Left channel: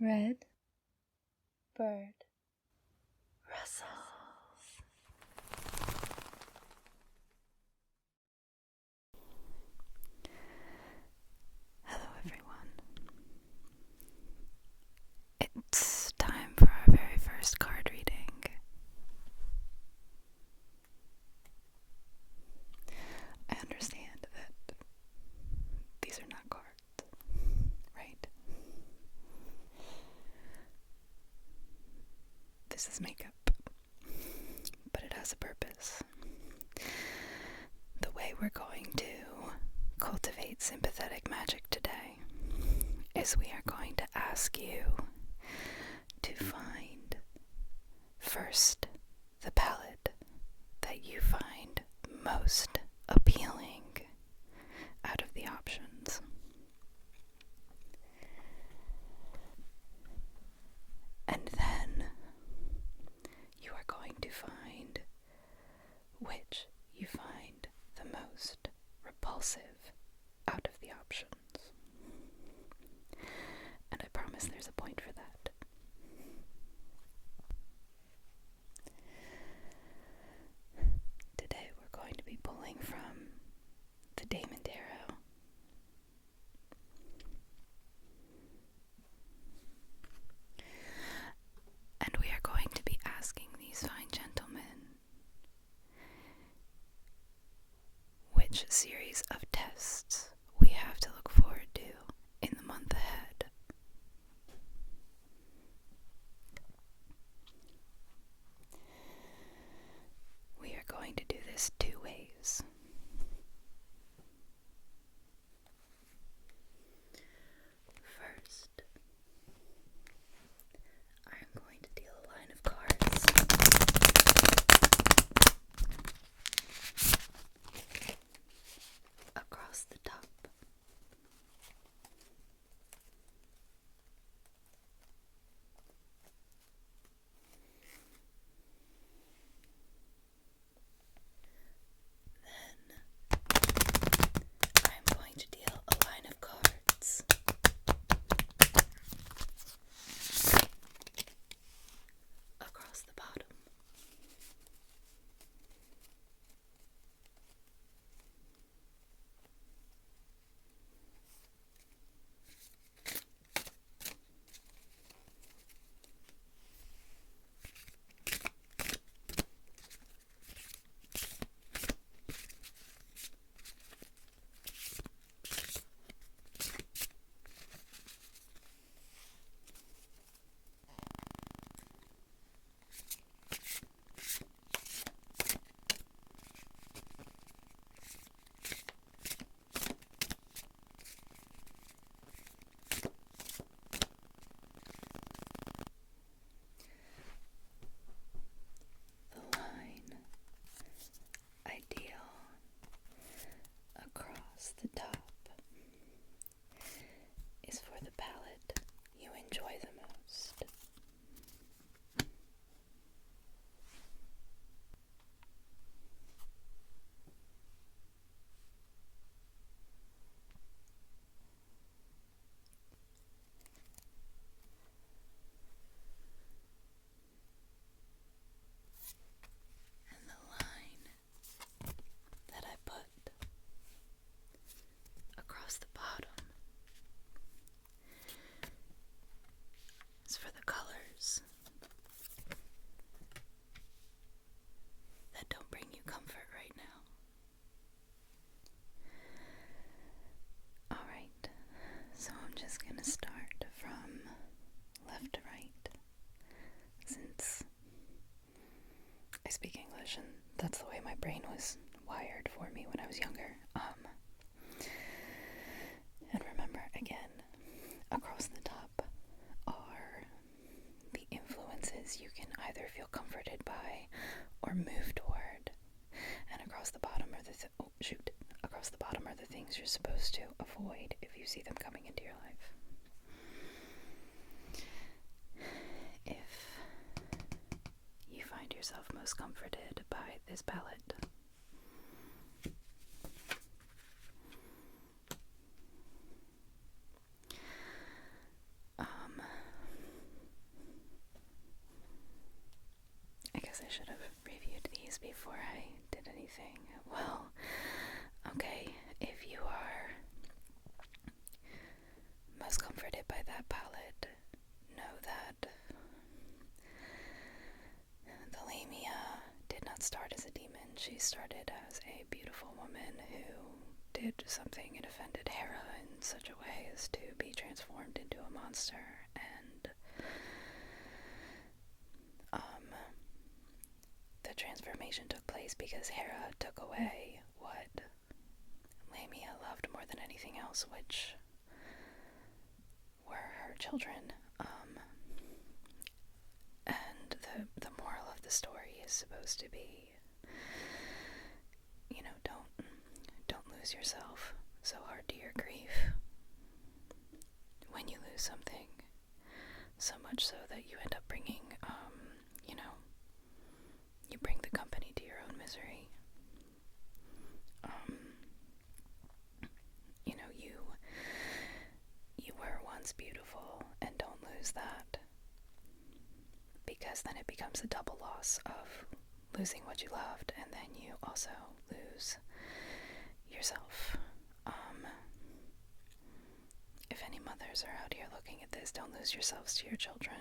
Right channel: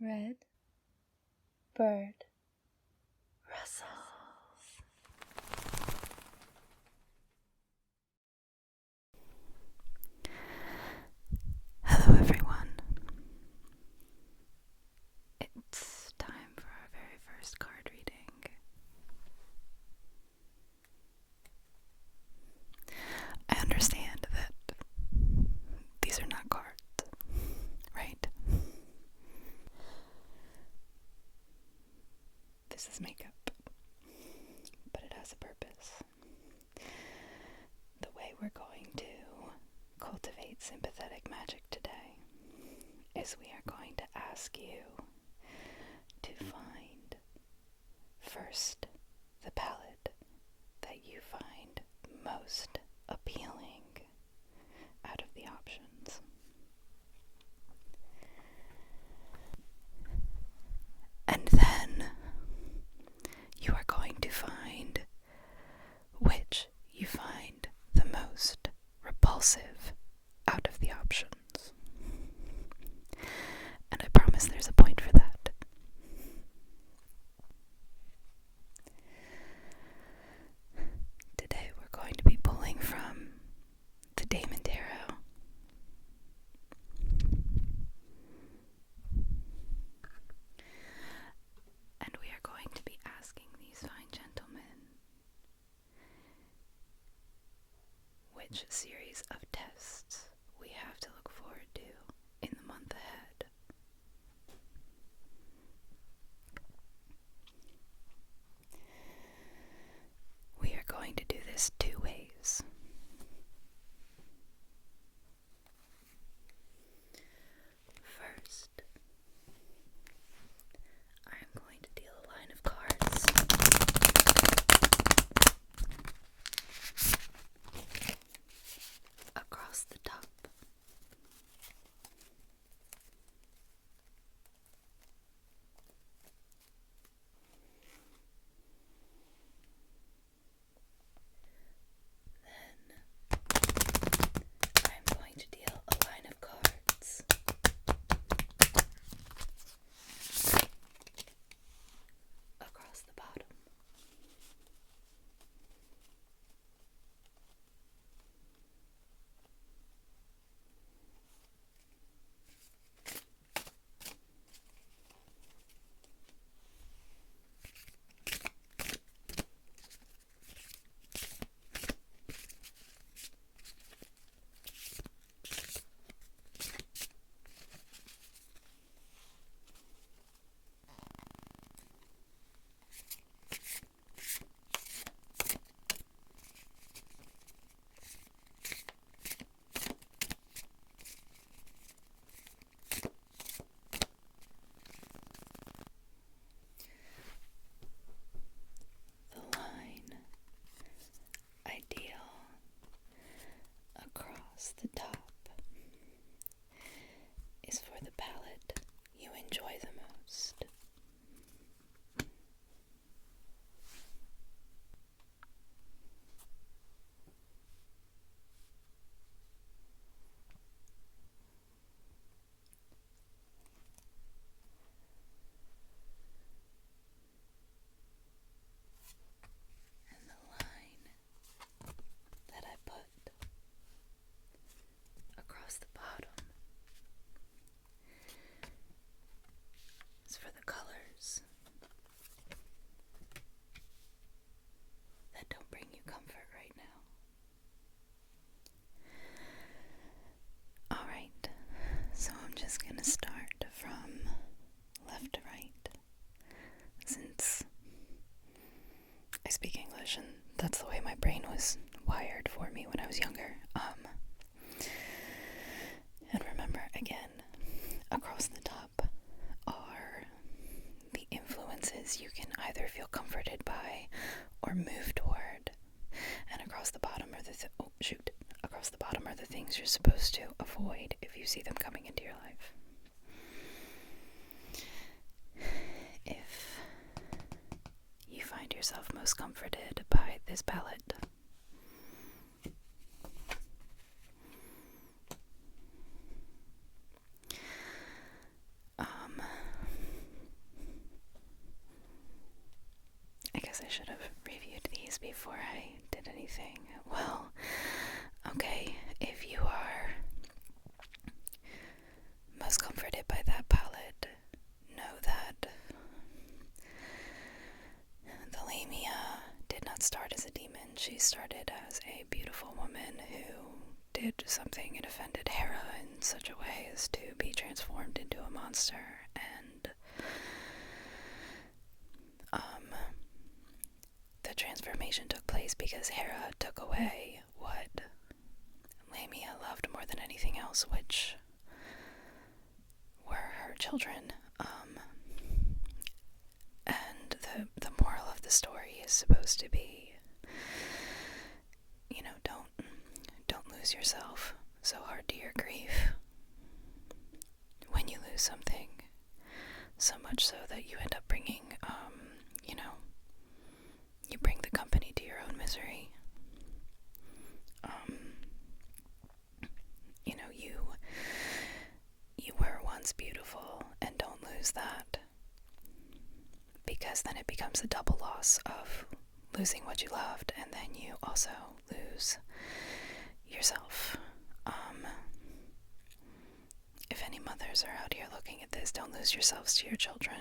Red bird rustles. Hello everyone. It's time for our very first card reading. I understand that these are not cards, right? This is makeup, but it has a purpose. The way we're going to cultivate sympathetic magic today is we are going to ask you to find first the palette that you find most appealing out of the options. And then you are going to find which you find the most repulsive out of the options. And I promise there's a point for that. Today we're going to be pulling from the Damon Tarot. And we are going to be asking these fine gentlemen which series of tests we have to look forward to in the month ahead. We are going to do this two ways. First, I am going to deal a line of cards across the top. I'm going to deal a line of cards across the bottom. The line I deal across the top is for the palette you enjoy the most. And the line that I put across the bottom is for the colors that don't bring you comfort right now. Alright, so I'm just gonna start from left to right, since I speak English and that's the way my brain was wired for me when I was younger. And remember, again, across the top are the influences you can either feel comforted by or move toward. And across the bottom are across the bottom are the things you're supposed to avoid if you see them coming into your life. If you find yourself most comforted by this palette, before I did anything. Well, okay, if you are most comforted by that palette, know that the Lamia did not start as a demon. She started as a beautiful woman who did something and offended Hera in such a way as to be transformed into a monster, and the transformation took place because Hera took away what Lamia loved more than anything else, which were her children. And the moral of the story is supposed to be, you know, don't lose yourself so hard to your grief when you lose something, so much so that you end up bringing, you bring the company to your own misery. You were once beautiful, and don't lose that, because then it becomes a double loss of losing what you loved, and then you also lose yourself. If any mothers are out here looking at this, don't lose yourselves to your children.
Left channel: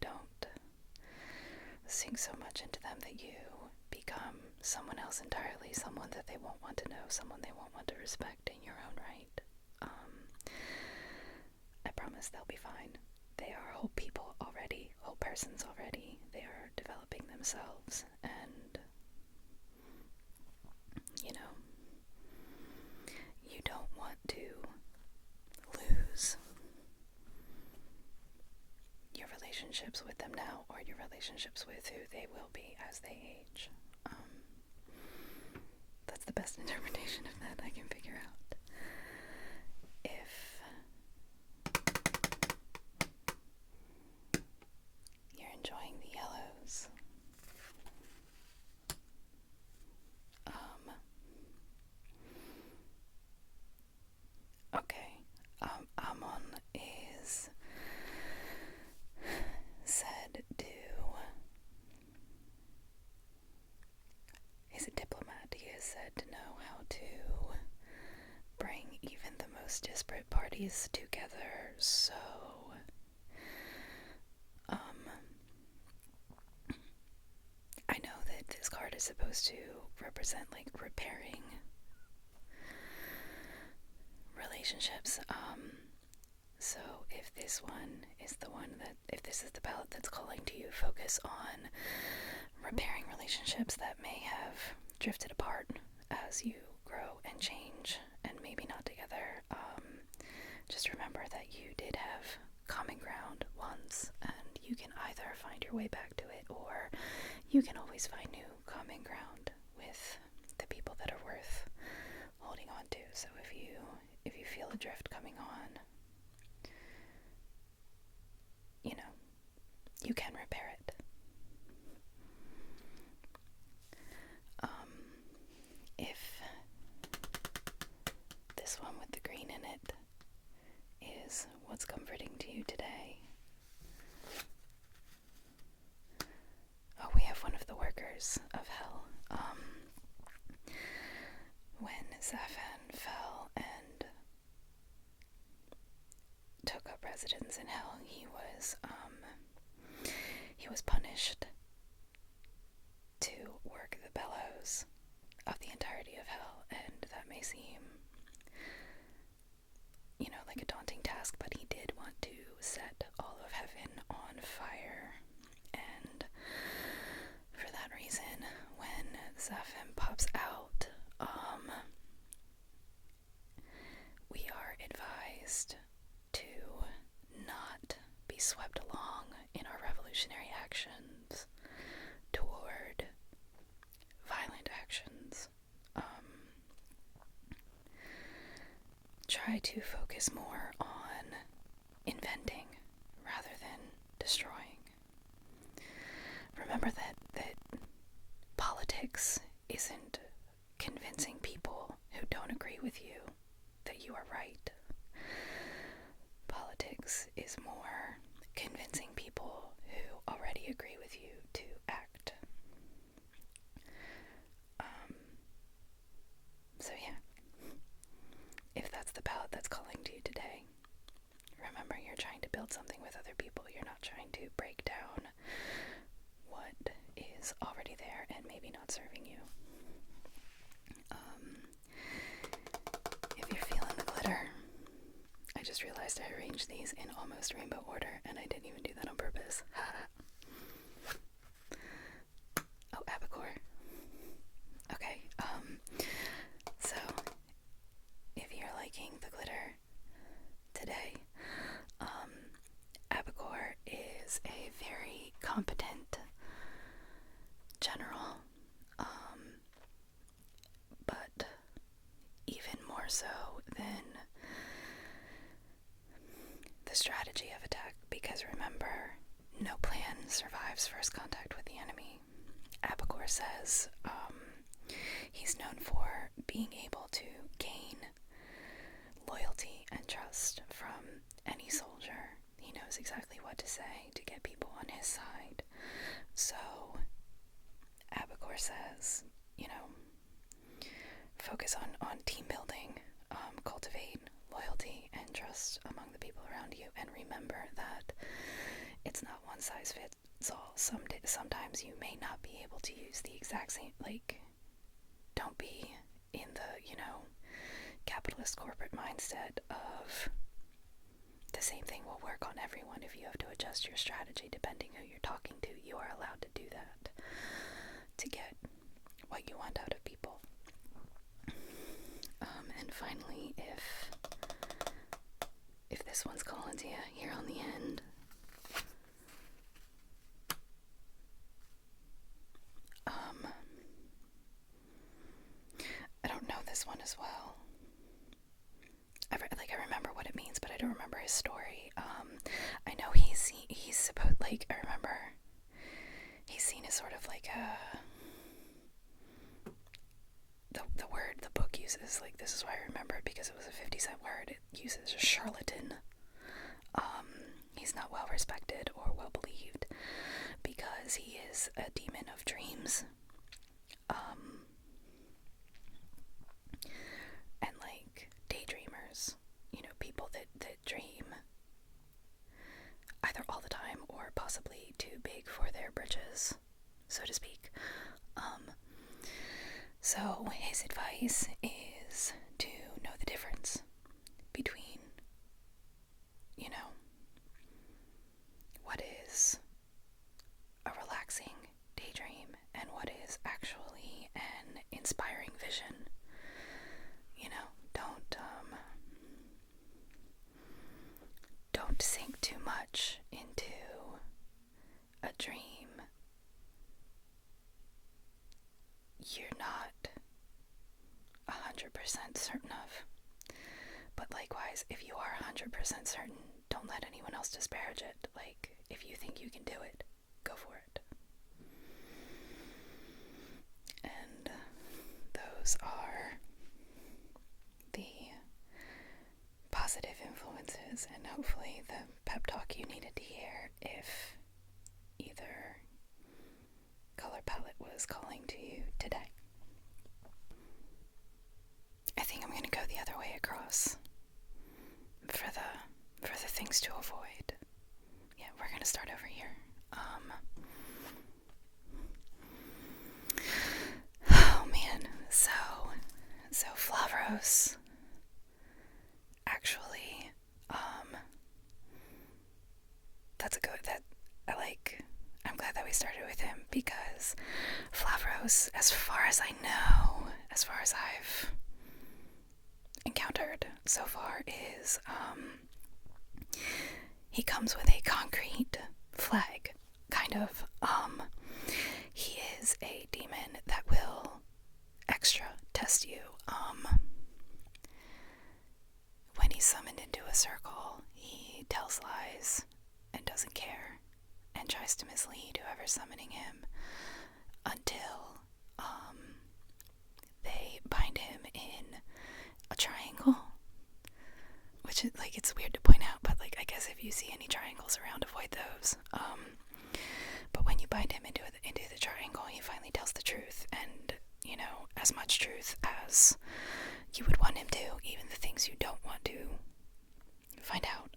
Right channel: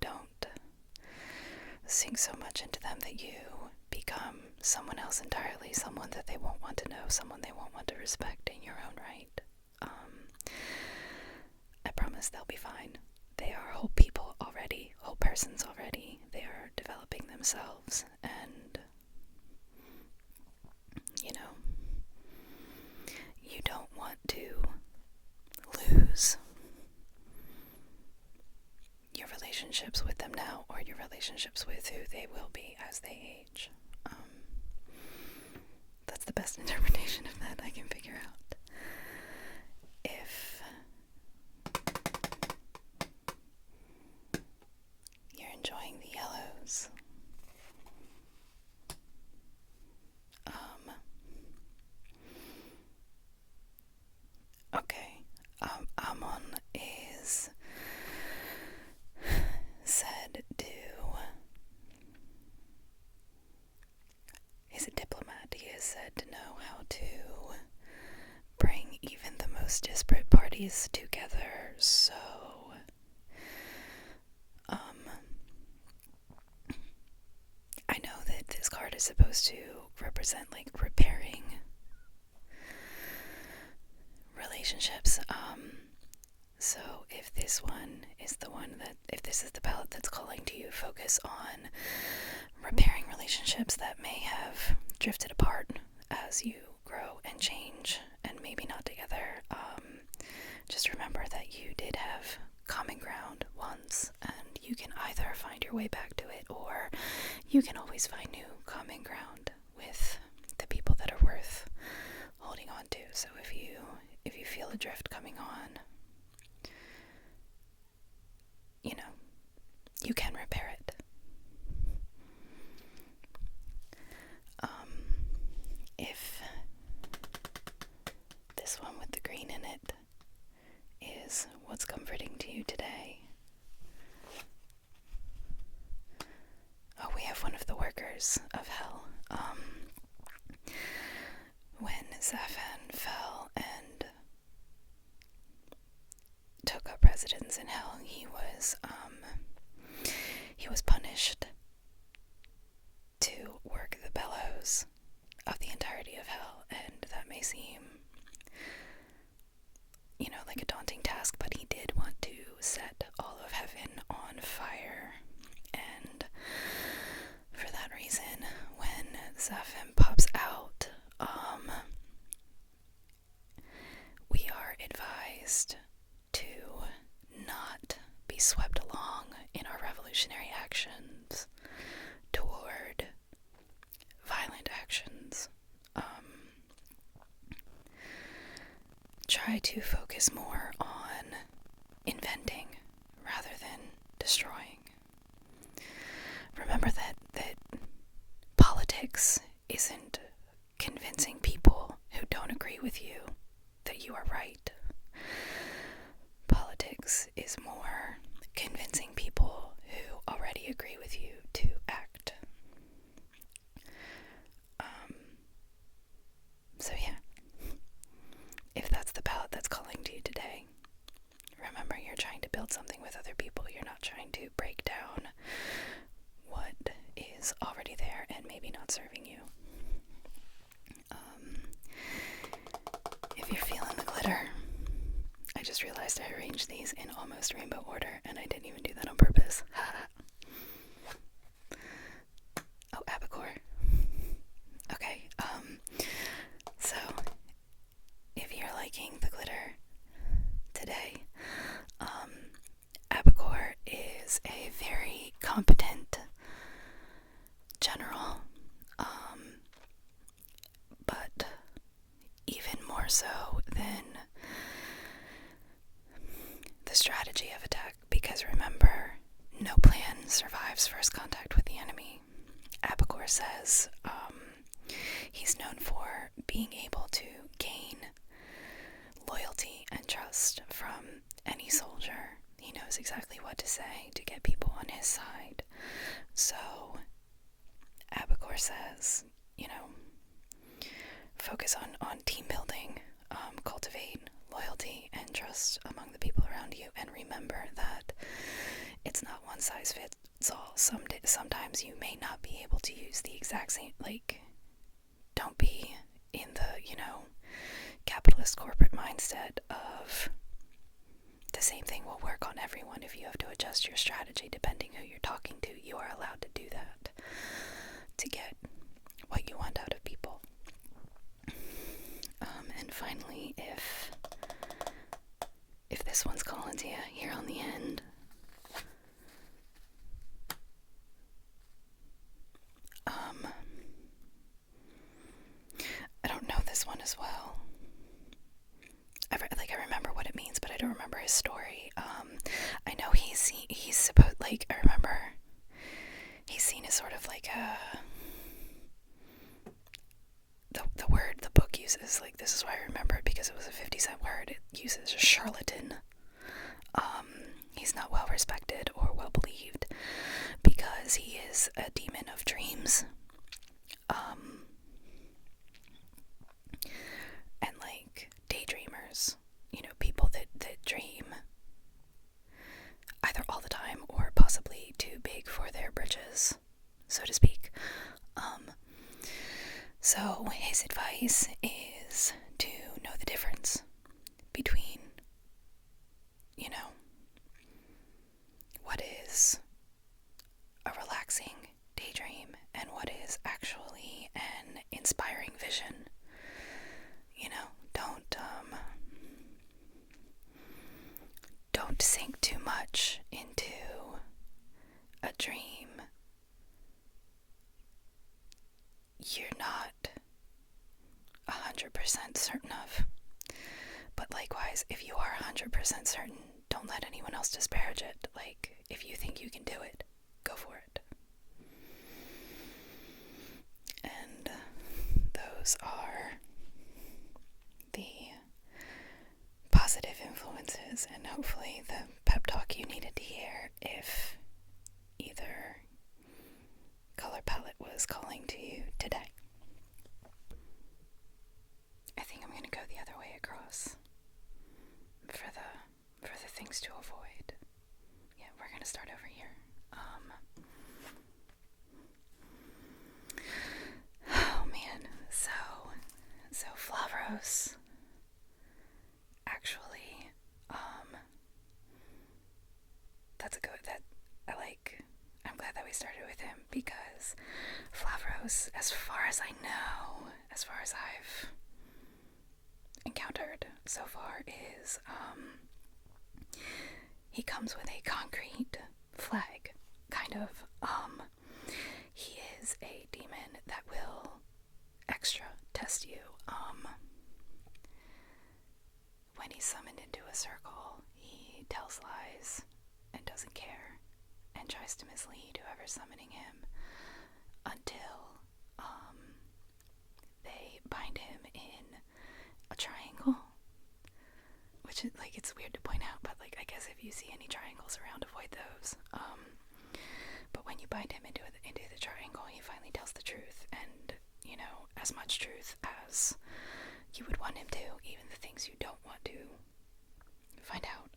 Don't sink so much into them that you become someone else entirely, someone that they won't want to know, someone they won't want to respect in your own right. I promise they'll be fine. They are whole people already, whole persons already. They are developing themselves, and you don't want to lose your relationships with them now, or your relationships with who they will be as they age. That's the best interpretation of that I can figure out. If you're enjoying the yellows, okay, Amon is said to, he's a diplomat. He is said to know how to bring even the most disparate parties together. So I know that this card is supposed to represent like repairing relationships. So if this one is the one that, if this is the palette that's calling to you, focus on repairing relationships that may have drifted apart as you grow and change and maybe not together. Just remember that you did have common ground once, and you can either find your way back to it, or you can always find new common ground with the people that are worth holding on to. So if you feel a drift coming on, you can repair it. If this one with the green in it is what's comforting to you today, we have one of the workers of hell. When Zaphan fell and took up residence in hell, he was punished to work the bellows of the entirety of hell, and that may seem, like a daunting task, but he did want to set all of heaven on fire, and for that reason, when Zaphan pops out, we are advised to not be swept along in our revolutionary actions toward violent actions. Try to focus more on inventing rather than destroying. Remember that politics isn't convincing people who don't agree with you that you are right. Politics is more convincing people who already agree with you to act. build something with other people. You're not trying to break down what is already there and maybe not serving you. If you're feeling the glitter, I just realized I arranged these in almost rainbow order, and I didn't even do that on purpose. Oh, albacore. Okay, so if you're liking the glitter today, albacore is a very competent general, but even more so than the strategy of attack, because remember, no plan survives first contact with the enemy. Albacore says he's known for being able to gain loyalty and trust from any soldier. He knows exactly what to say to get people on his side. So Albacore says, focus on team building, cultivate loyalty and trust among the people around you, and remember that it's not one size fits all. Sometimes you may not be able to use the exact same, don't be in the, capitalist corporate mindset of the same thing will work on everyone. If you have to adjust your strategy depending who you're talking to, you are allowed to do that to get what you want out of people. And finally, if this one's calling to you here on the end, I don't know this one as well. I remember what it means, but I don't remember his story. I know he's supposed, I remember he's seen as sort of like the word the book uses, this is why I remember it, because it was a 50-cent word. It uses charlatan. He's not well respected or well believed because he is a demon of dreams. And daydreamers, people that dream either all the time or possibly too big for their britches, so to speak. So his advice is to know the difference between, what is a relaxing daydream and what is actually an inspiring vision. Don't sink too much into a dream you're not 100% certain of. But likewise, if you are 100% certain, don't let anyone else disparage it. If you think you can do it, go for it. And those are the positive influences, and hopefully the pep talk you needed to hear if either color palette was calling to you today. I think I'm going to go the other way across for the things to avoid. Yeah, we're going to start over here. Oh man, so Flavros actually, I'm glad that we started with him, because Flavros, as far as I know, as far as I've encountered so far, is he comes with a concrete flag, kind of. He is a demon that will extra test you. When he's summoned into a circle, he tells lies and doesn't care and tries to mislead whoever's summoning him until they bind him in a triangle, which is it's weird to point out, but I guess if you see any triangles around, avoid those. But when you bind him into the triangle, he finally tells the truth, and as much truth as you would want him to, even the things you don't want to find out.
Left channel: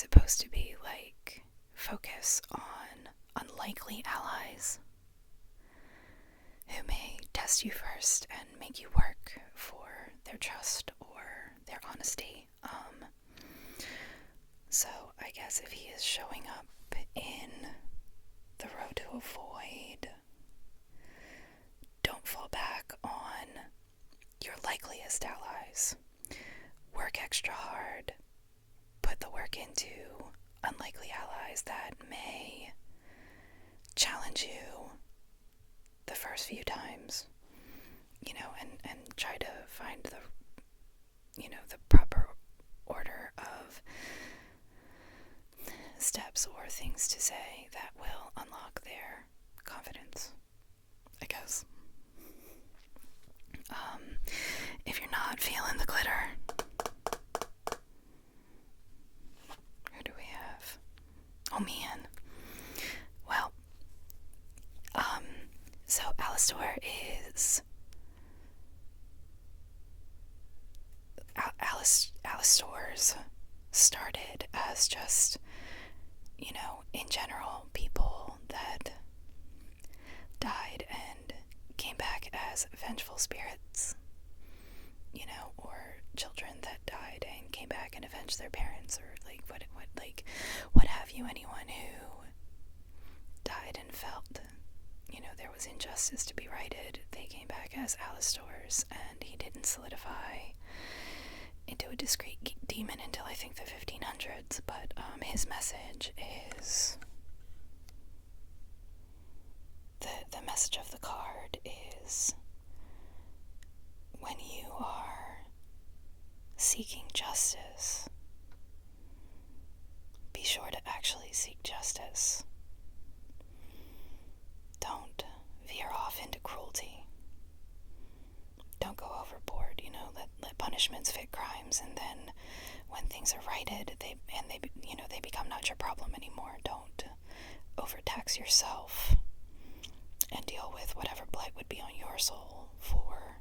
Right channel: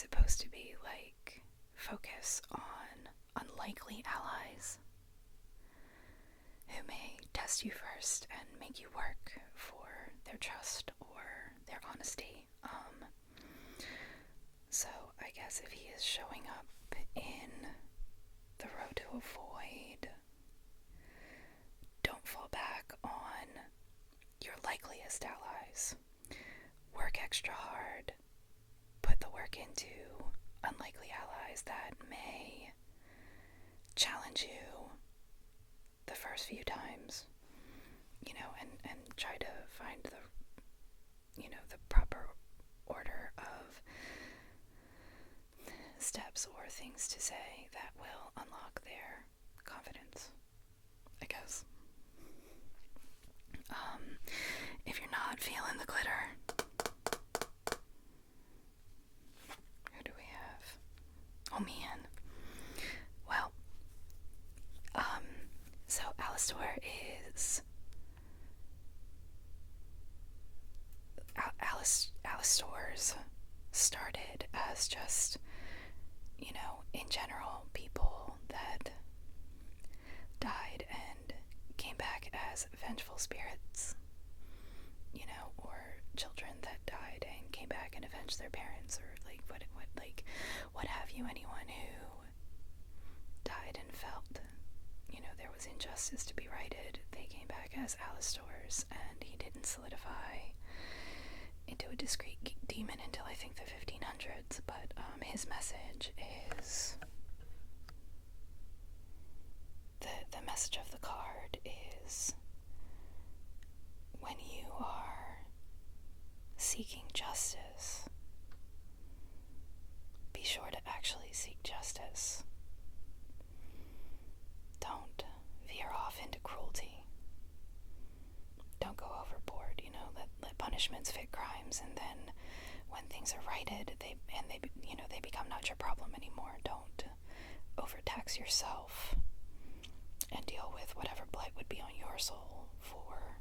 supposed to be like focus on unlikely allies who may test you first and make you work for their trust or their honesty. So I guess if he is showing up in the road to avoid, don't fall back on your likeliest allies. Work extra hard. Put the work into unlikely allies that may challenge you the first few times, and try to find the proper order of steps or things to say that will unlock their confidence, I guess. If you're not feeling the glitter, who do we have? Oh man. Well, so Alastor is Alastors started as just, in general, people that died and came back as vengeful spirits, or children that died and came back and avenged their parents, or what have you. Anyone who died and felt, there was injustice to be righted, they came back as Alastors, and he didn't solidify into a discrete demon until I think the 1500s, but his message is, the message of the card is, when you are seeking justice, be sure to actually seek justice. Don't veer off into cruelty. Don't go overboard, let punishments fit crimes, and then when things are righted, they become not your problem anymore. Don't overtax yourself and deal with whatever blight would be on your soul for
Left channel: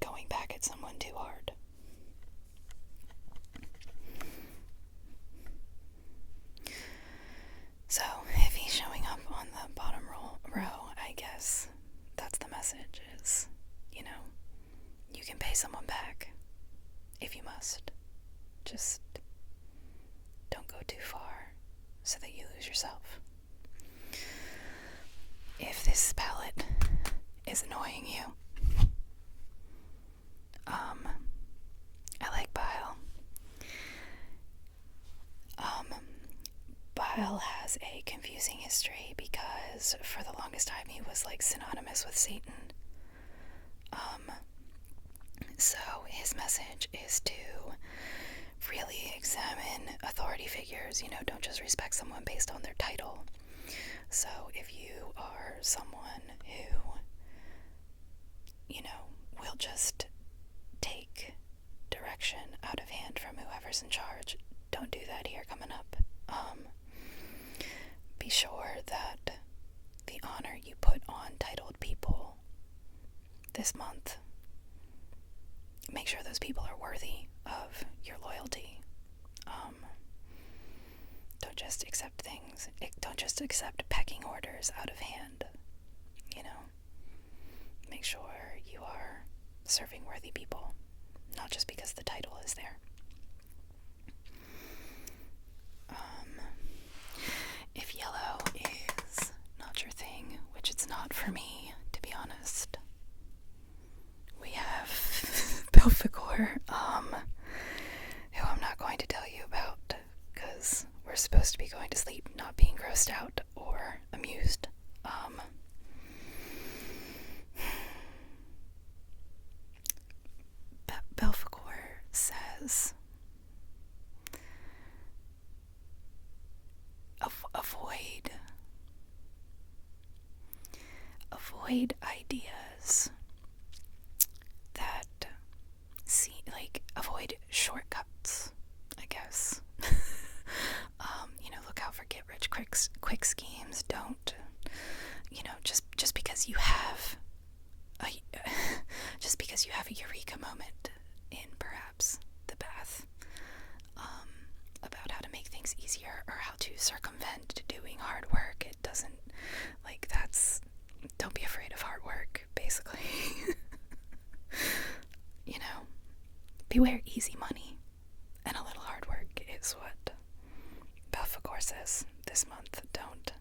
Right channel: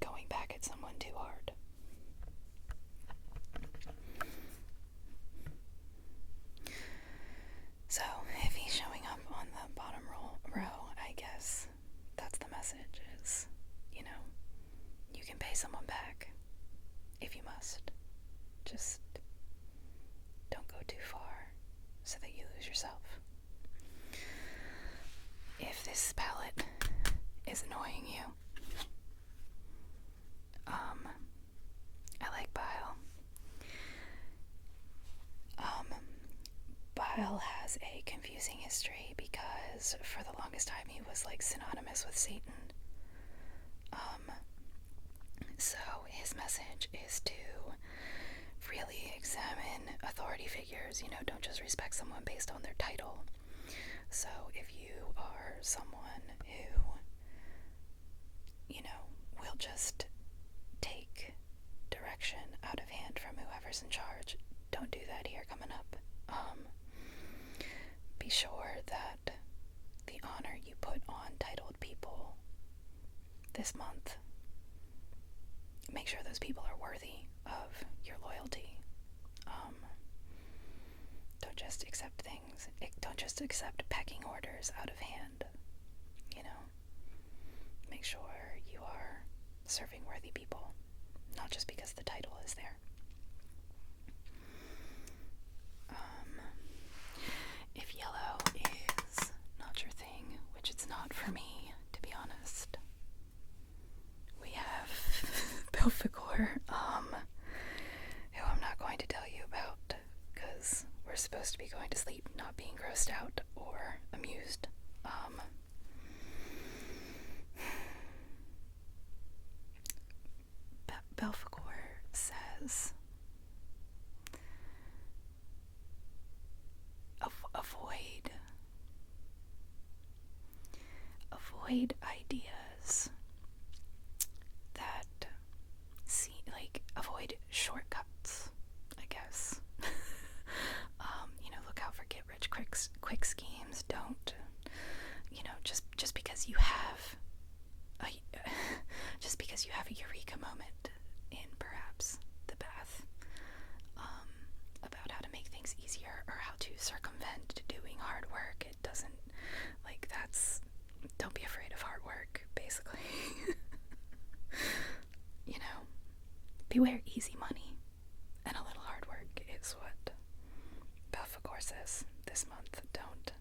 going back at someone too hard. So, if he's showing up on the bottom row, I guess that's the message is, you can pay someone back if you must. Just don't go too far so that you lose yourself. If this palette is annoying you, I like Bile. Bile has a confusing history because for the longest time he was synonymous with Satan. So his message is to really examine authority figures, don't just respect someone based on their title. So if you are someone who, will just take direction out of hand from whoever's in charge, don't do that here coming up. Be sure that the honor you put on titled people this month, make sure those people are worthy of your loyalty. Don't just accept things. Don't just accept pecking orders out of hand. Make sure you are serving worthy people, not just because the title is there. If yellow is not your thing, which it's not for me, to be honest, we have Belphegor, who I'm not going to tell you about, because we're supposed to be going to sleep not being grossed out or amused. Belphegor says, avoid ideas that avoid shortcuts, I guess. Look out for quick schemes. Don't, just because you have a eureka moment in perhaps the bath, things easier or how to circumvent doing hard work. It doesn't, don't be afraid of hard work, basically. Beware easy money, and a little hard work is what Belphegor says this month. Don't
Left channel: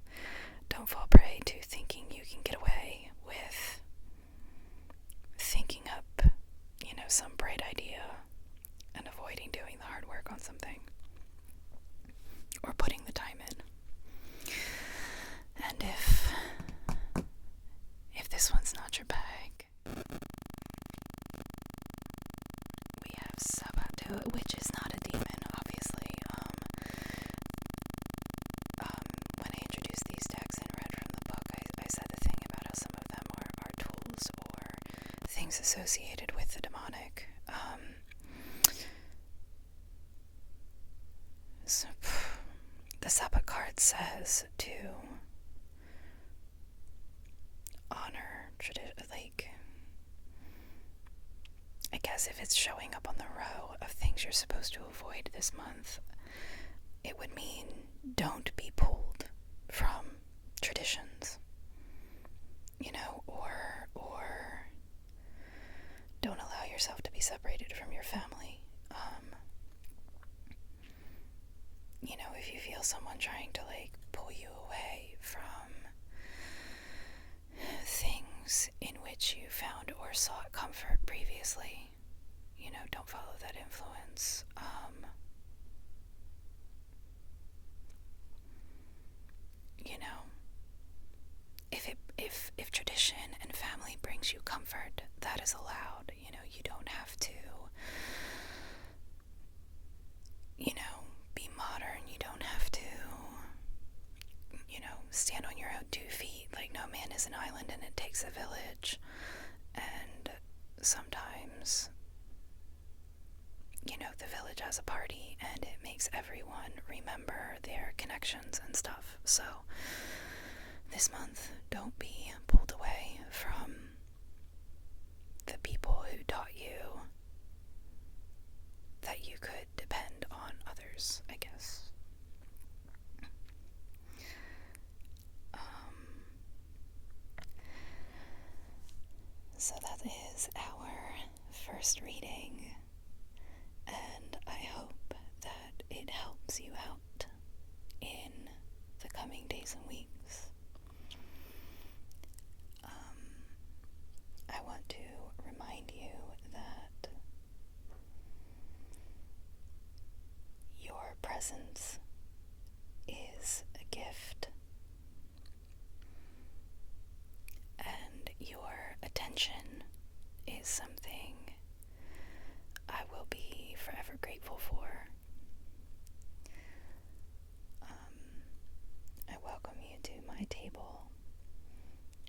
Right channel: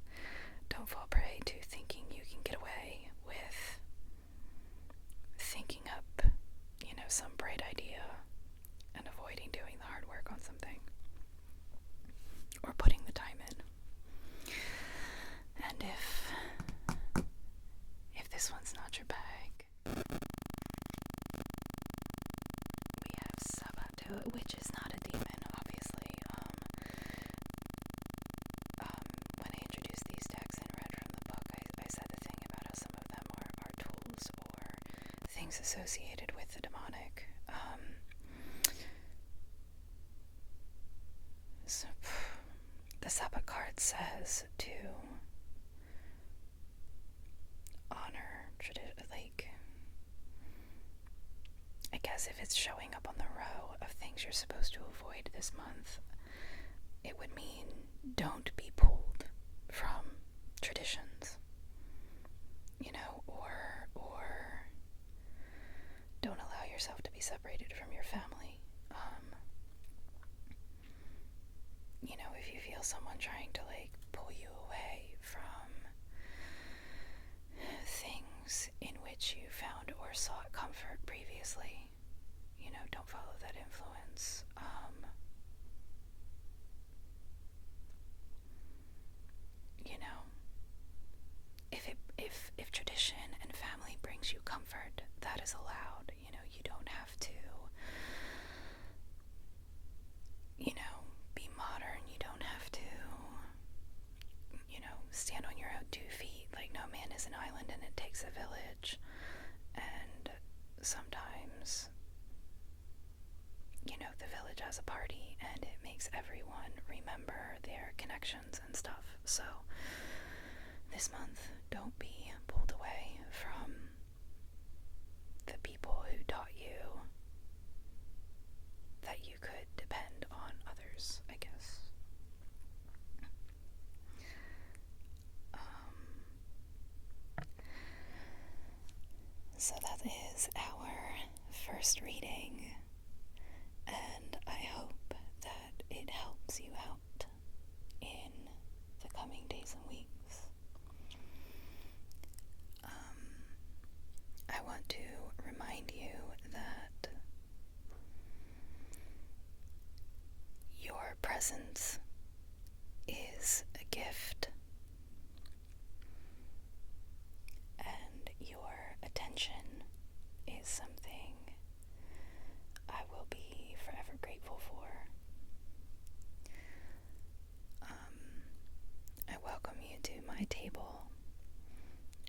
fall prey to thinking you can get away with thinking up, some bright idea and avoiding doing the hard work on something or putting the time in. And if this one's not your bag, we have Sabato, which is not a demon, obviously. When I introduced these decks and read from the book, I said the thing about how some of them are tools or things associated with the demonic. So the Sabbath card says to honor tradition. I guess if it's showing up on the row of things you're supposed to avoid this month, it would mean don't be pulled from traditions, or don't allow yourself to be separated from your family. If you feel someone trying to pull you away from things in which you found or sought comfort previously, don't follow that influence. If tradition and family brings you comfort, that is allowed. You don't have to, be modern. You don't have to, stand on your own 2 feet. No man is an island and it takes a village. And sometimes, the village has a party and it makes everyone remember their connections and stuff. So this month, don't be pulled away from the people who taught you that you could depend on others, I guess. So that is our first reading, and I hope that it helps you out in the coming days and weeks. I want to remind you that your presence is a gift, and your attention is something I will be forever grateful for. I welcome you to my table,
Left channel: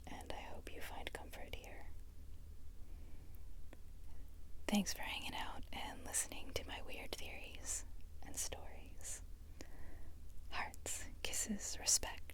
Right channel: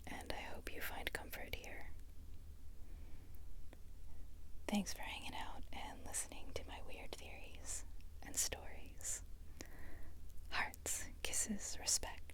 and I hope you find comfort here. Thanks for hanging out and listening to my weird theories and stories. Hearts, kisses, respect.